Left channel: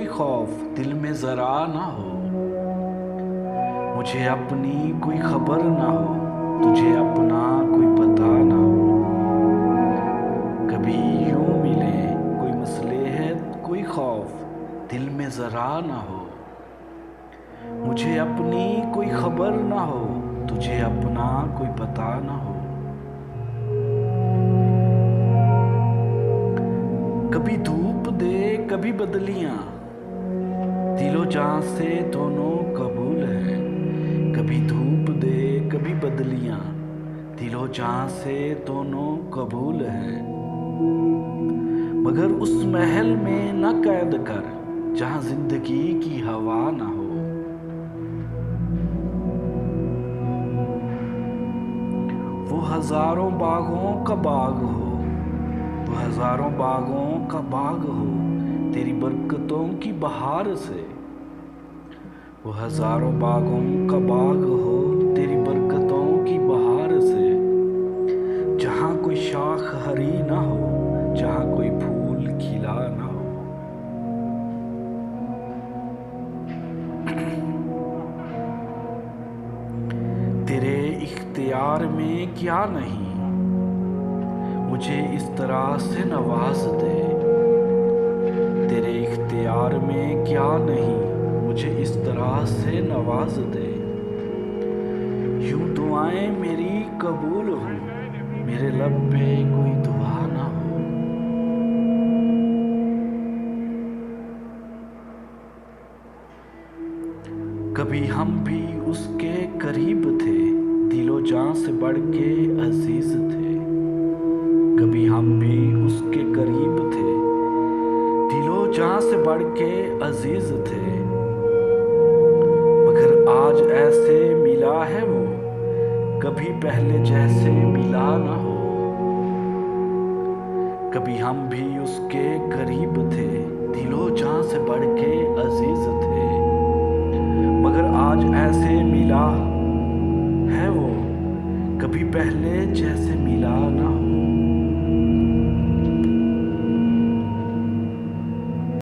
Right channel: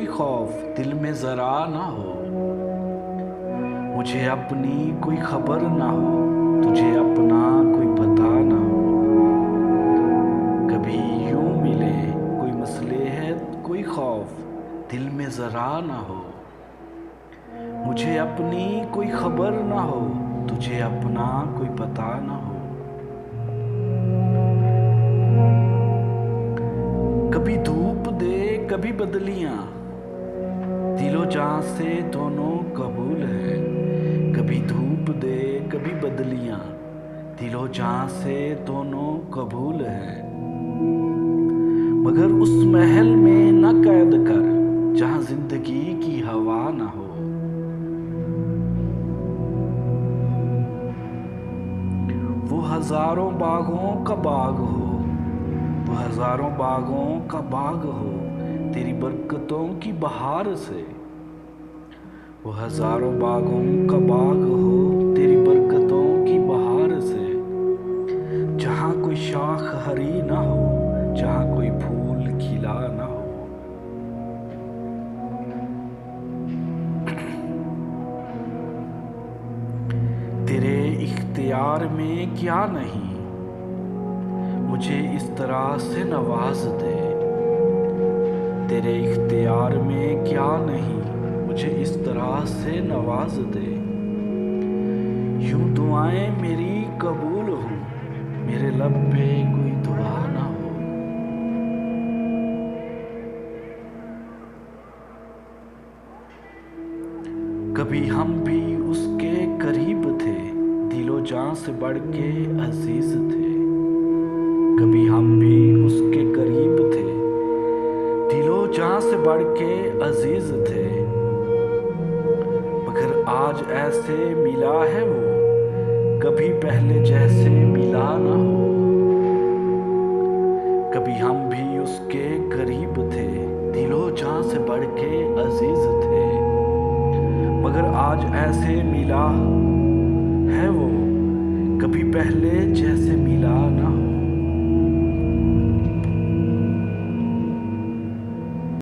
कोई खौफ दिल में जरा ना हो, मुझे अपनी कोई खबर ना हो, तुझे अपना कोई पता ना हो। कभी यूं मिले कोई मसले है, कोई खौफ दिल में जरा ना हो, मुझे अपनी कोई खबर ना हो, तुझे अपना कोई पता ना हो। कभी धूप दे कभी बदलियां, दिलो जान से दोनों कबूल है। कभी धूप दे कभी बदलियां, दिलो जान से दोनों कबूल है। मगर उस महल में न कैद कर जहां जिंदगी की हवा ना हो। वो हजारों बागों का बाग हो, वो हजारों बागों का बाग हो, तेरी बरकतों की बहार से। वो हजारों बागों का बाग हो, तेरी बरकतों की बहार से। जहाँ कोई शाख हरी ना हो, जहाँ कोई फूल खिला ना हो। तेरे इख्तियार में क्या नहीं, मुझे इस तरह से नवाज दे। तेरे इख्तियार में क्या नहीं, मुझे इस तरह से नवाज दे। यूं दुआएं मेरी कबूल हों, मेरे लब पे कोई दुआ ना हो। कभी हम भी उसके करीब थे, दिलो जान से बढ़ के अजीज थे। कभी हम भी उसके करीब थे, दिलो जान से बढ़ के अजीज थे। मगर आज ऐसे मिला है वो, कभी पहले जैसे मिला ना हो। कभी हम भी उसके करीब थे, दिलो जान से बढ़ के अजीज थे। मगर आज ऐसे मिला है वो, कभी पहले जैसे मिला ना